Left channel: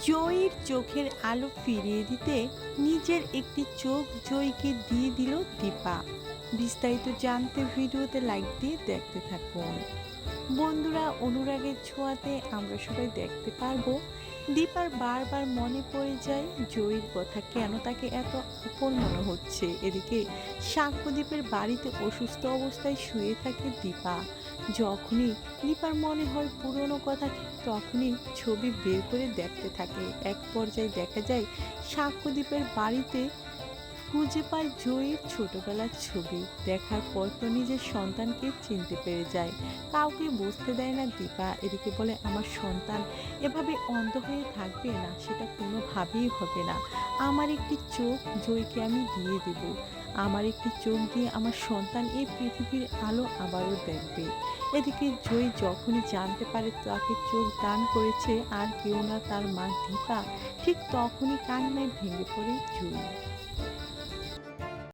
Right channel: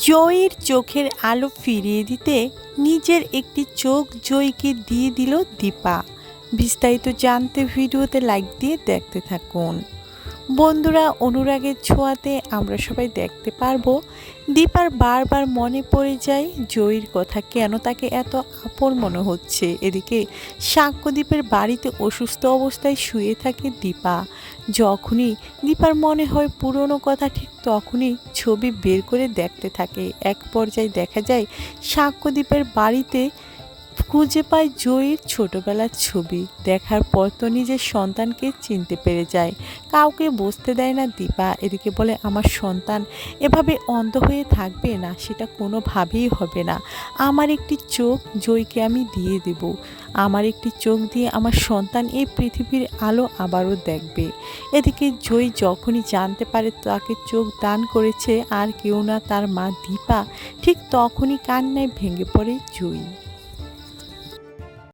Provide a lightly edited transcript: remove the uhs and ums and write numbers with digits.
জয়ীর চোখের আলো ফিরিয়ে দিতে নিজের একটি চোখ জয়ীকে দিয়ে দিল দীপা। বিস্তারিত জানতে ভিডিওতে লাইক দিয়ে দেখতে থাকুন। বন্ধুরা, অনুরাগের ছোঁয়াতে আমরা সবাই দেখতে পারবো দীপার বারবার মনে পড়ে যায় জয়ীর কথা, কেন তাকে এত আপন মনে হচ্ছে। এদিকে সাক্ষ্যদ্বীপের বাড়িতে অসুস্থ অবস্থায় শুয়ে থাকে দীপা। যখনই দীপার মনে হয় পুরনো কথা, ঠিক তখনই ছবি বের করে দেখতে থাকে। এক পর্যায়ে দেখা যায় সাক্ষ্যদ্বীপের বাড়িতে খুঁজে পায় জয়ীর ছোটবেলার ছবি। দেখার পর তো নিজের সন্তানকে চিনতে পেরে যায়। কাউকে বুঝতে দেয় না দীপা। এদিকে বলে, আমার সন্তান এভাবে অন্ধ হয়ে থাকবে না, সেটা কোনোভাবেই হবে না। আমার একটি চোখ জয়ীকে আমি দিয়ে দেব। আমার একটি চোখ দিয়ে আমার সন্তান এই পৃথিবীর আলো আবারও দেখবে। এদিকে জয়ী যখনই জানতে পারে তাকে চোখ দান করেছে আর কেউ না, তার মা দীপা, ঠিক তখনই কান্নায় ভেঙে পড়ে জয়ী।